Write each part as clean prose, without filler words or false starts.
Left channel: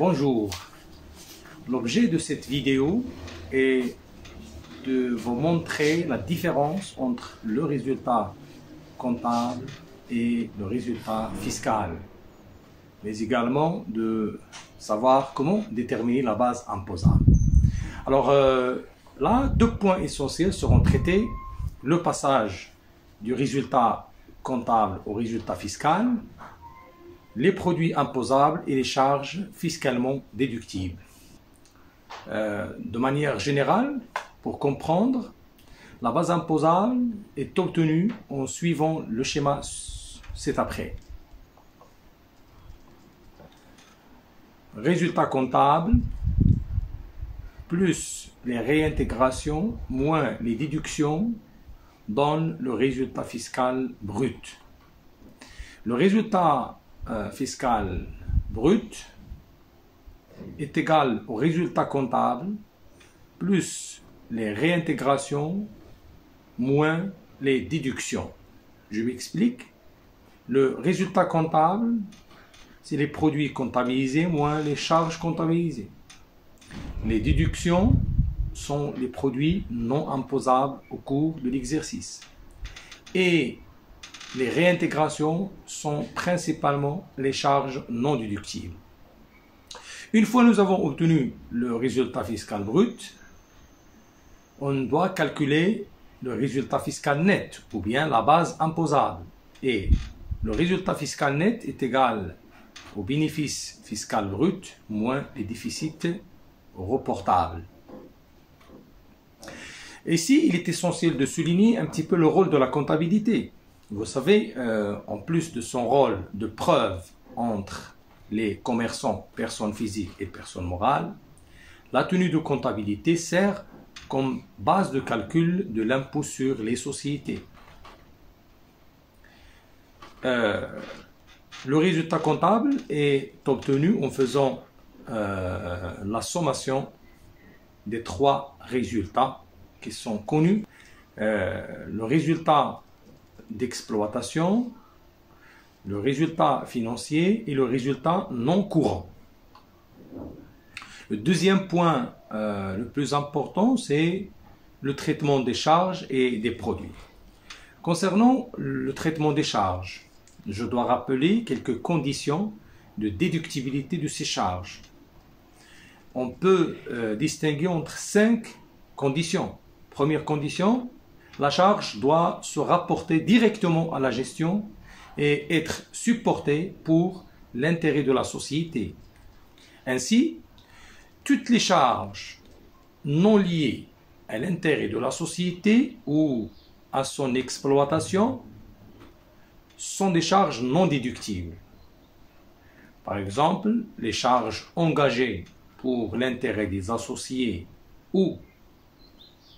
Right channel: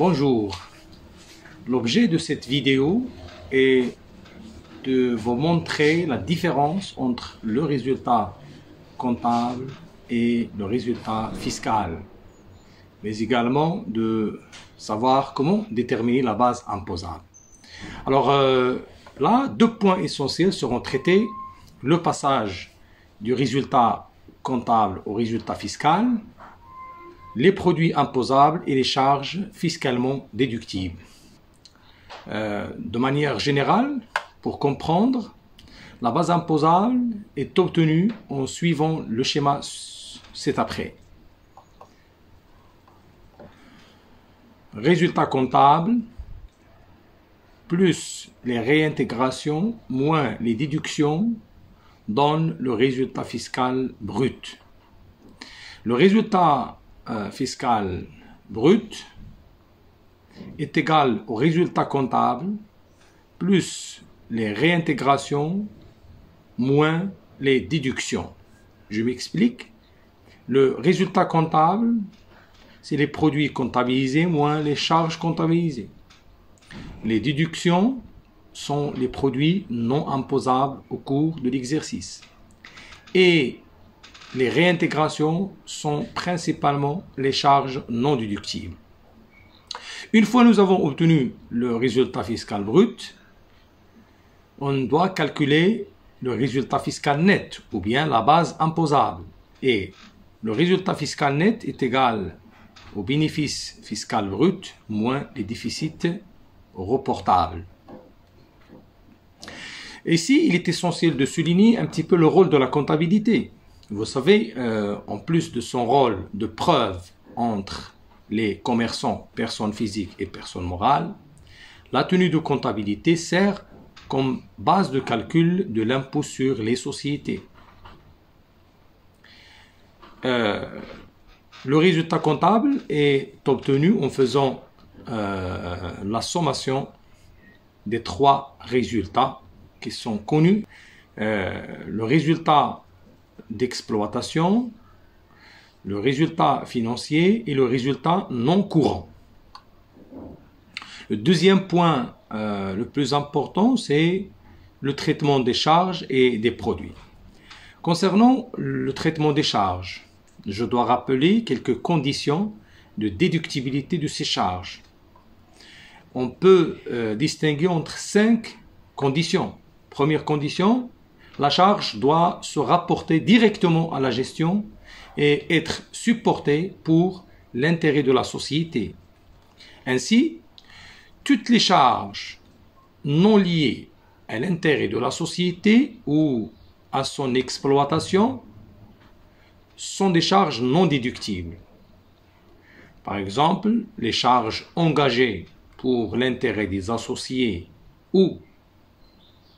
Bonjour, l'objet de cette vidéo est de vous montrer la différence entre le résultat comptable et le résultat fiscal, mais également de savoir comment déterminer la base imposable. Alors là, deux points essentiels seront traités: le passage du résultat comptable au résultat fiscal, les produits imposables et les charges fiscalement déductibles. De manière générale, pour comprendre, la base imposable est obtenue en suivant le schéma ci-après. Résultat comptable plus les réintégrations moins les déductions donne le résultat fiscal brut. Le résultat fiscal brut est égal au résultat comptable plus les réintégrations moins les déductions. Je m'explique. Le résultat comptable, c'est les produits comptabilisés moins les charges comptabilisées. Les déductions sont les produits non imposables au cours de l'exercice. Et les réintégrations sont principalement les charges non déductibles. Une fois nous avons obtenu le résultat fiscal brut, on doit calculer le résultat fiscal net, ou bien la base imposable. Et le résultat fiscal net est égal au bénéfice fiscal brut moins les déficits reportables. Ici, il est essentiel de souligner un petit peu le rôle de la comptabilité. Vous savez, en plus de son rôle de preuve entre les commerçants, personnes physiques et personnes morales, la tenue de comptabilité sert comme base de calcul de l'impôt sur les sociétés. Le résultat comptable est obtenu en faisant la sommation des trois résultats qui sont connus. Le résultat d'exploitation, le résultat financier et le résultat non courant. Le deuxième point le plus important, c'est le traitement des charges et des produits. Concernant le traitement des charges, je dois rappeler quelques conditions de déductibilité de ces charges. On peut distinguer entre 5 conditions. Première condition, la charge doit se rapporter directement à la gestion et être supportée pour l'intérêt de la société. Ainsi, toutes les charges non liées à l'intérêt de la société ou à son exploitation sont des charges non déductibles. Par exemple, les charges engagées pour l'intérêt des associés ou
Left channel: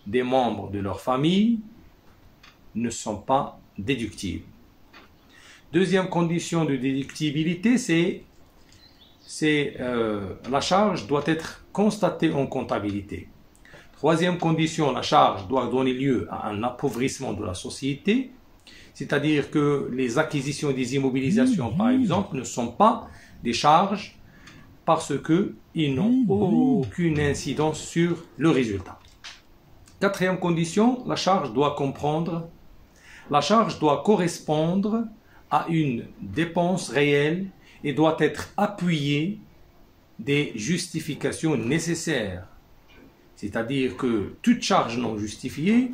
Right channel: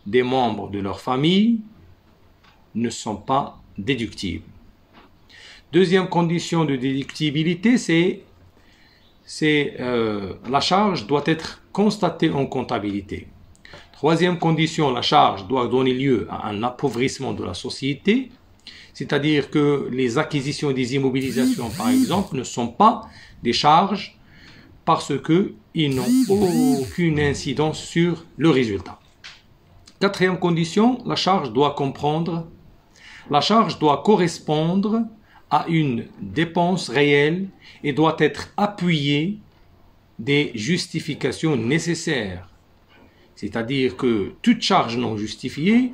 des membres de leur famille ne sont pas déductibles. Deuxième condition de déductibilité, c'est la charge doit être constatée en comptabilité. Troisième condition, la charge doit donner lieu à un appauvrissement de la société, c'est-à-dire que les acquisitions et des immobilisations, par exemple, ne sont pas des charges parce qu'ils n'ont aucune incidence sur le résultat. Quatrième condition, la charge doit correspondre à une dépense réelle et doit être appuyée des justifications nécessaires. C'est-à-dire que toute charge non justifiée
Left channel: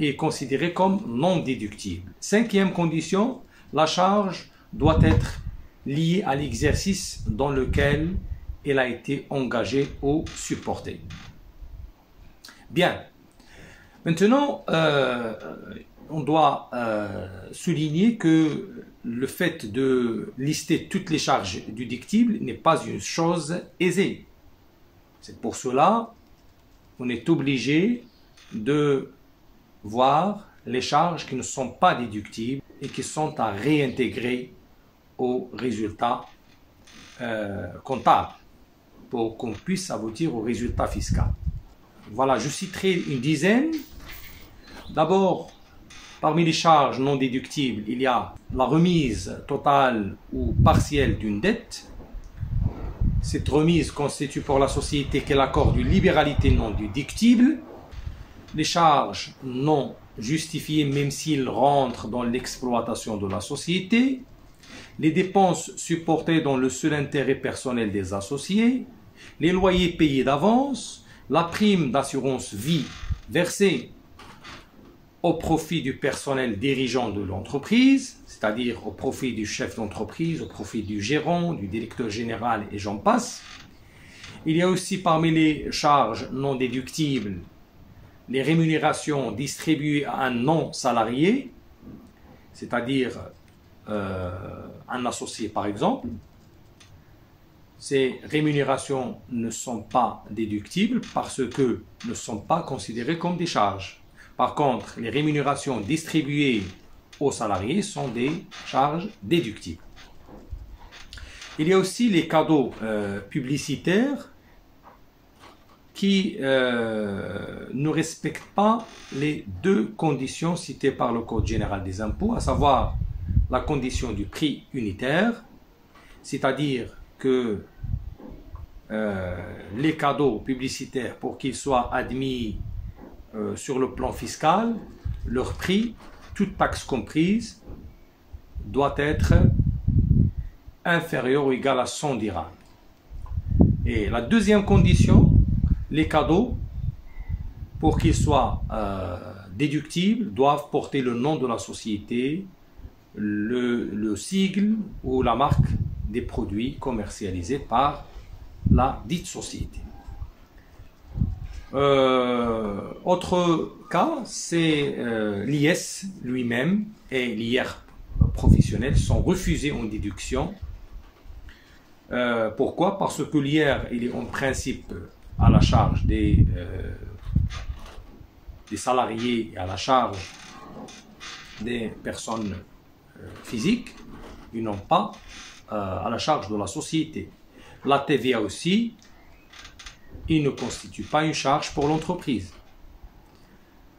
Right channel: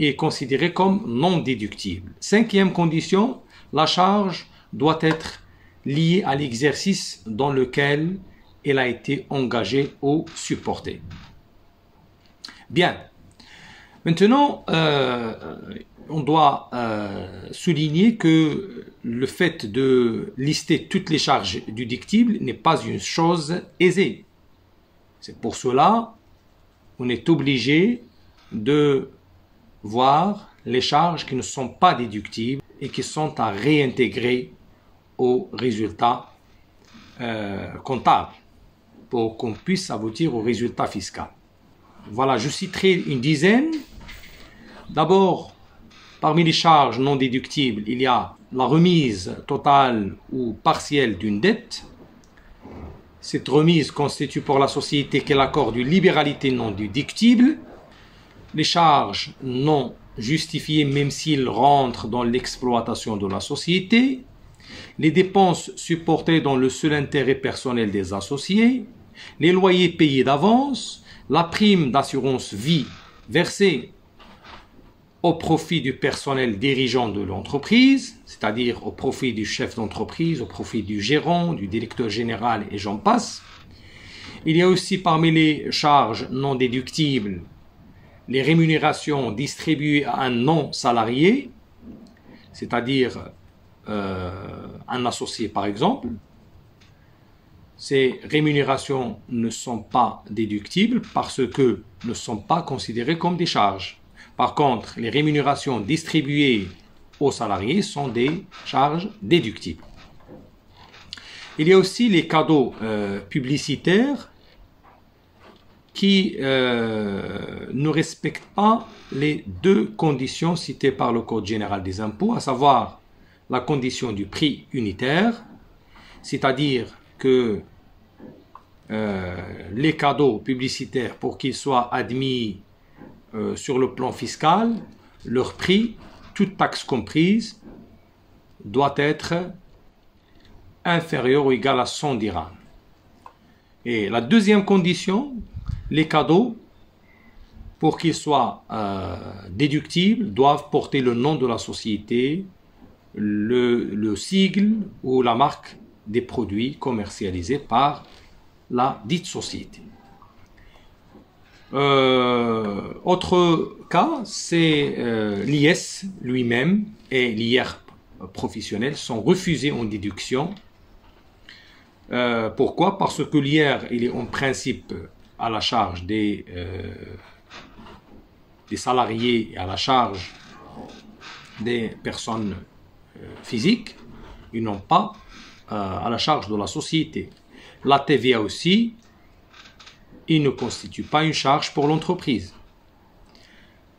est considérée comme non déductible. Cinquième condition, la charge doit être liée à l'exercice dans lequel elle a été engagée ou supportée. Bien. Maintenant, on doit souligner que le fait de lister toutes les charges déductibles n'est pas une chose aisée. C'est pour cela qu'on est obligé de voir les charges qui ne sont pas déductibles et qui sont à réintégrer au résultat comptable pour qu'on puisse aboutir au résultat fiscal. Voilà, je citerai une dizaine. D'abord, parmi les charges non déductibles, il y a la remise totale ou partielle d'une dette, Cette remise constitue pour la société qu'elle accorde une libéralité non déductible. Les charges non justifiées même s'ils rentrent dans l'exploitation de la société. Les dépenses supportées dans le seul intérêt personnel des associés. Les loyers payés d'avance. La prime d'assurance vie versée au profit du personnel dirigeant de l'entreprise, c'est-à-dire au profit du chef d'entreprise, au profit du gérant, du directeur général et j'en passe. Il y a aussi parmi les charges non déductibles les rémunérations distribuées à un non-salarié, c'est-à-dire un associé par exemple. Ces rémunérations ne sont pas déductibles parce que ne sont pas considérées comme des charges. Par contre, les rémunérations distribuées aux salariés sont des charges déductibles. Il y a aussi les cadeaux publicitaires qui ne respectent pas les deux conditions citées par le Code général des impôts, à savoir la condition du prix unitaire, c'est-à-dire que les cadeaux publicitaires, pour qu'ils soient admis sur le plan fiscal, leur prix, toute taxe comprise, doit être inférieur ou égal à 100 dirhams. Et la deuxième condition, les cadeaux, pour qu'ils soient déductibles, doivent porter le nom de la société, le sigle ou la marque des produits commercialisés par la dite société. Autre cas, c'est l'IS lui-même et l'IR professionnel sont refusés en déduction. Pourquoi? Parce que l'IR, il est en principe à la charge des salariés et à la charge des personnes physiques, ils n'ont pas à la charge de la société. La TVA aussi, il ne constitue pas une charge pour l'entreprise.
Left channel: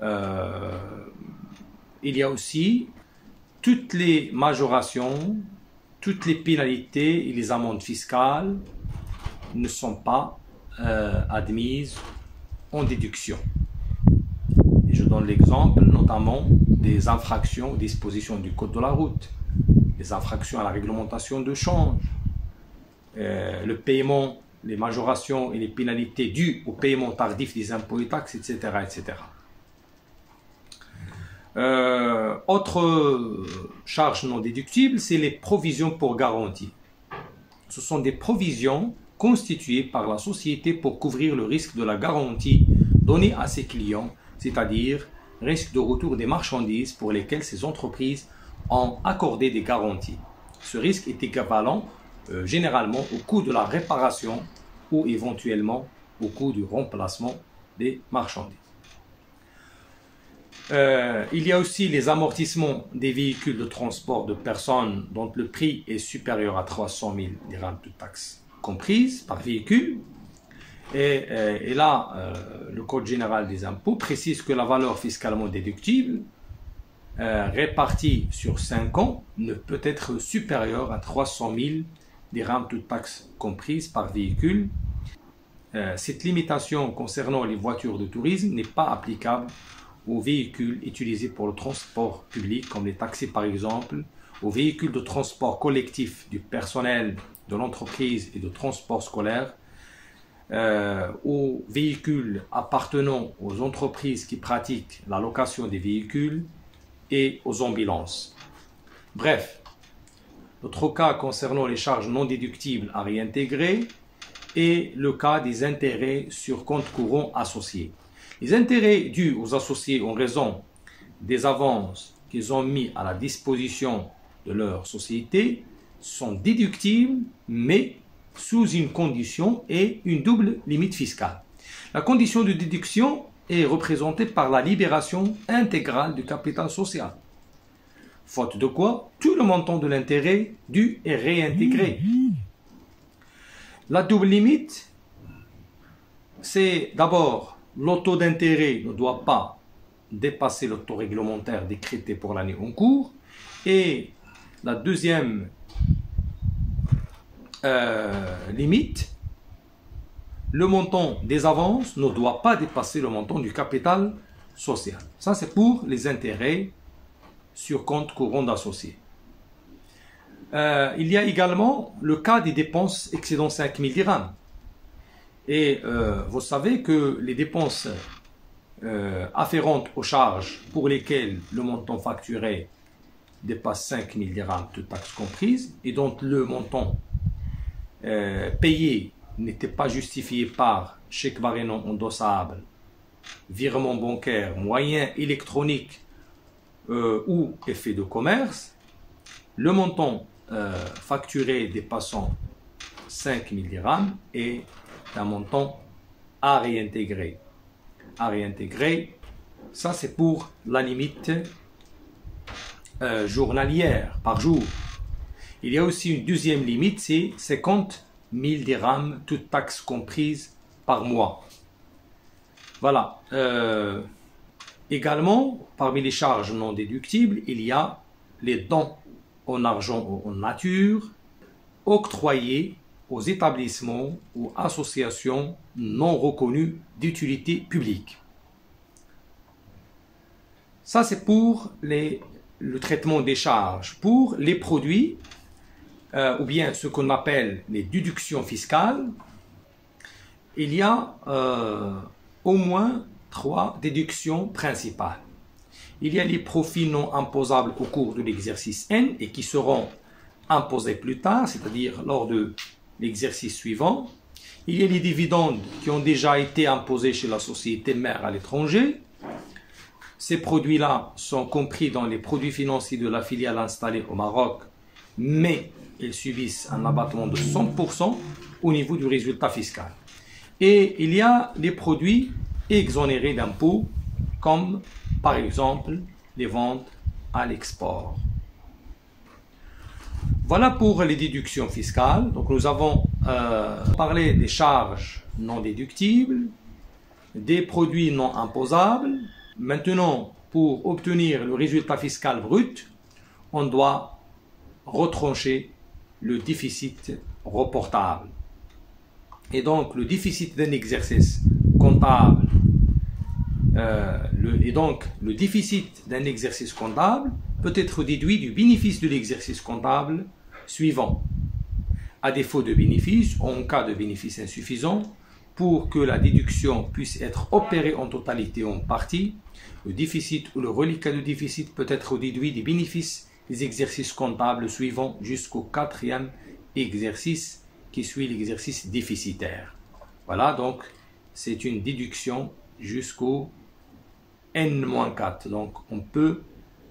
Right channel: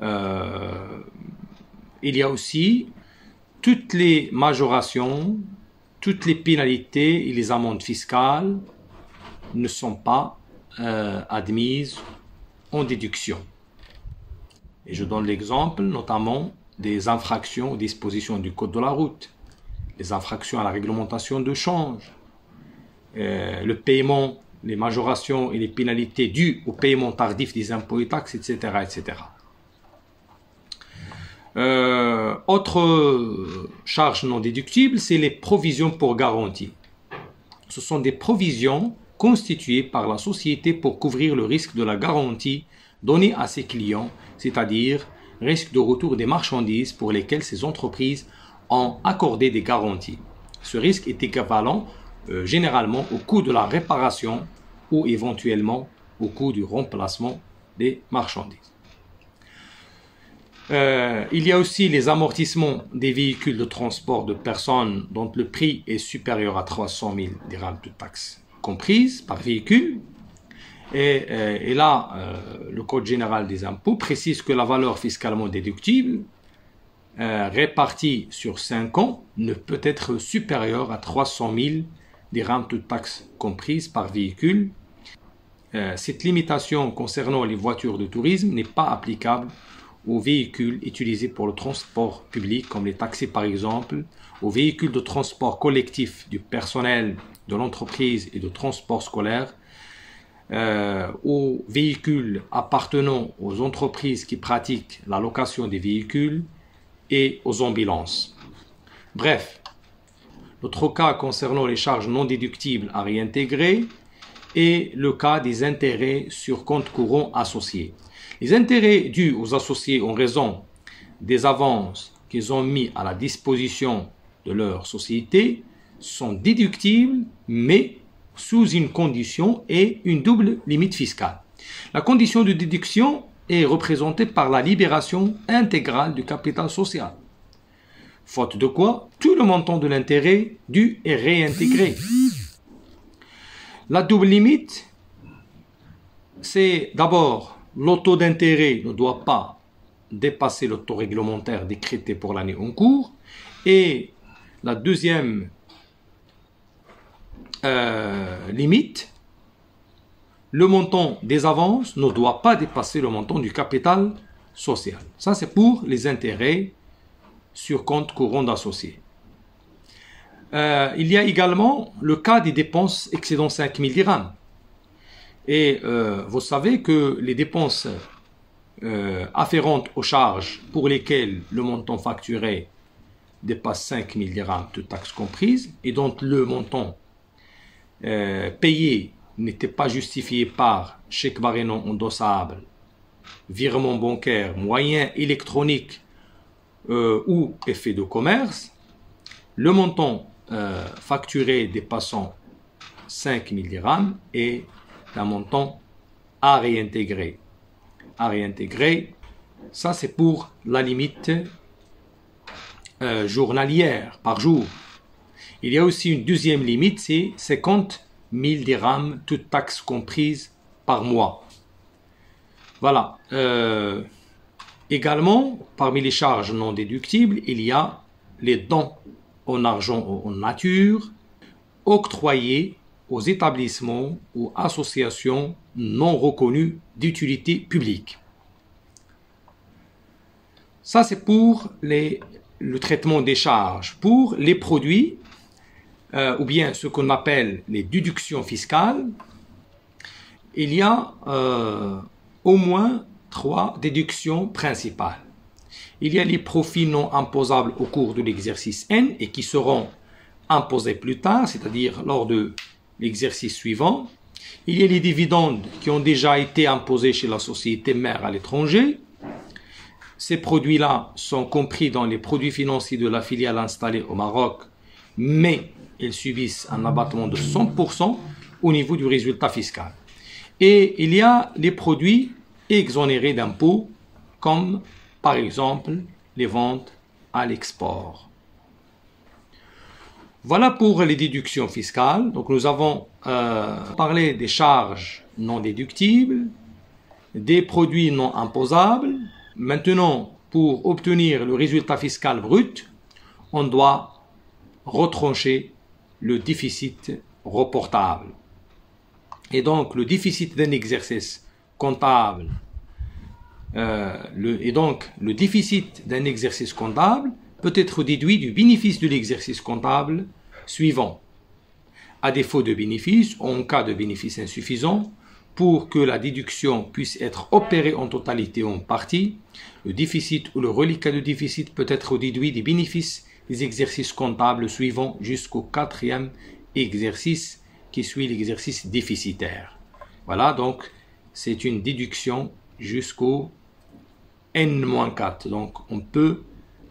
Il y a aussi toutes les majorations, toutes les pénalités et les amendes fiscales ne sont pas admises en déduction. Et je donne l'exemple notamment des infractions aux dispositions du Code de la route, les infractions à la réglementation de change, le paiement, les majorations et les pénalités dues au paiement tardif des impôts et taxes, etc. etc. Autre charge non déductible, c'est les provisions pour garantie. Ce sont des provisions constituées par la société pour couvrir le risque de la garantie donnée à ses clients, c'est-à-dire risque de retour des marchandises pour lesquelles ces entreprises ont accordé des garanties. Ce risque est équivalent généralement au coût de la réparation ou éventuellement au coût du remplacement des marchandises. Il y a aussi les amortissements des véhicules de transport de personnes dont le prix est supérieur à 300 000 dirhams de taxes comprises par véhicule. Et là, le Code général des impôts précise que la valeur fiscalement déductible répartie sur 5 ans ne peut être supérieure à 300 000 dirhams de taxes comprises par véhicule. Cette limitation concernant les voitures de tourisme n'est pas applicable aux véhicules utilisés pour le transport public, comme les taxis par exemple, aux véhicules de transport collectif du personnel de l'entreprise et de transport scolaire, aux véhicules appartenant aux entreprises qui pratiquent la location des véhicules et aux ambulances. Bref, l'autre cas concernant les charges non déductibles à réintégrer est le cas des intérêts sur compte courant associés. Les intérêts dus aux associés en raison des avances qu'ils ont mis à la disposition de leur société sont déductibles, mais sous une condition et une double limite fiscale. La condition de déduction est représentée par la libération intégrale du capital social, faute de quoi tout le montant de l'intérêt dû est réintégré. La double limite, c'est d'abord le taux d'intérêt ne doit pas dépasser le taux réglementaire décrété pour l'année en cours, et la deuxième limite, le montant des avances ne doit pas dépasser le montant du capital social. Ça, c'est pour les intérêts sur compte courant d'associés. Il y a également le cas des dépenses excédant 5 000 dirhams. Et vous savez que les dépenses afférentes aux charges pour lesquelles le montant facturé dépasse 5 000 dirhams, toutes taxes comprises, et dont le montant payé n'était pas justifié par chèque barré non endossable, virement bancaire, moyen électronique ou effet de commerce, le montant facturé dépassant 5 000 dirhams est un montant à réintégrer. À réintégrer, ça c'est pour la limite journalière par jour. Il y a aussi une deuxième limite, c'est 50 000 dirhams, toutes taxes comprises par mois. Voilà. Également, parmi les charges non déductibles, il y a les dons en argent ou en nature octroyés aux établissements ou associations non reconnues d'utilité publique. Ça, c'est pour le traitement des charges. Pour les produits, ou bien ce qu'on appelle les déductions fiscales, il y a au moins 3 déductions principales. Il y a les profits non imposables au cours de l'exercice N et qui seront imposés plus tard, c'est-à-dire lors de l'exercice suivant. Il y a les dividendes qui ont déjà été imposés chez la société mère à l'étranger. Ces produits-là sont compris dans les produits financiers de la filiale installée au Maroc, mais ils subissent un abattement de 100% au niveau du résultat fiscal. Et il y a les produits exonérés d'impôts, comme par exemple les ventes à l'export. Voilà pour les déductions fiscales. Donc nous avons parlé des charges non déductibles, des produits non imposables. Maintenant, pour obtenir le résultat fiscal brut, on doit retrancher le déficit reportable. Et donc le déficit d'un exercice comptable, le déficit d'un exercice comptable peut être déduit du bénéfice de l'exercice comptable suivant. À défaut de bénéfice, ou en cas de bénéfice insuffisant, pour que la déduction puisse être opérée en totalité ou en partie, le déficit ou le reliquat de déficit peut être déduit des bénéfices des exercices comptables suivants jusqu'au 4e exercice qui suit l'exercice déficitaire. Voilà, donc c'est une déduction jusqu'au N-4. Donc on peut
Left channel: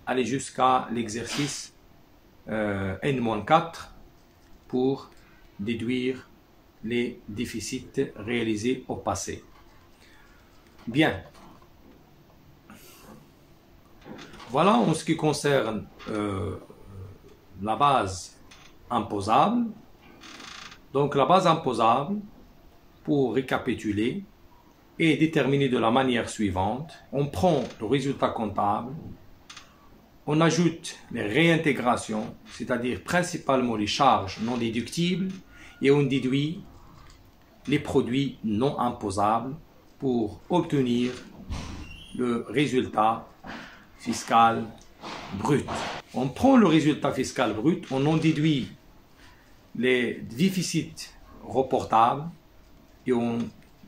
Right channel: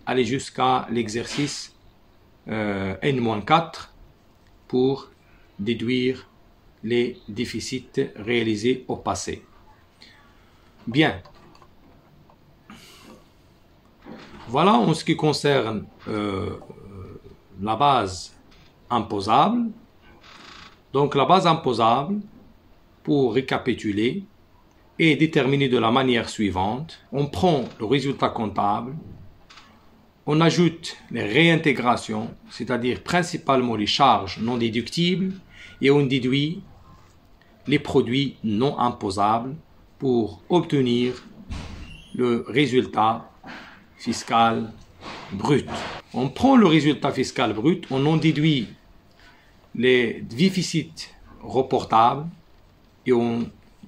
aller jusqu'à l'exercice N-4 pour déduire les déficits réalisés au passé. Bien. Voilà en ce qui concerne la base imposable. Donc la base imposable, pour récapituler, est déterminée de la manière suivante. On prend le résultat comptable, on ajoute les réintégrations, c'est-à-dire principalement les charges non déductibles, et on déduit les produits non imposables pour obtenir le résultat fiscal brut. On prend le résultat fiscal brut, on en déduit les déficits reportables et on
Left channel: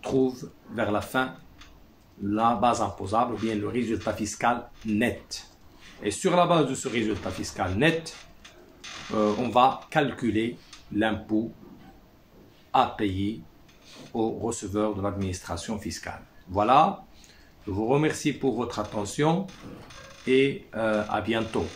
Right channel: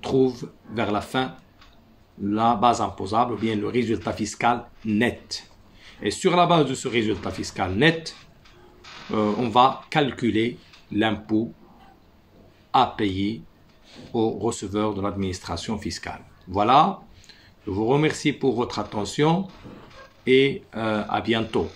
trouve vers la fin la base imposable ou bien le résultat fiscal net. Et sur la base de ce résultat fiscal net, on va calculer l'impôt à payer aux receveurs de l'administration fiscale. Voilà, je vous remercie pour votre attention et à bientôt.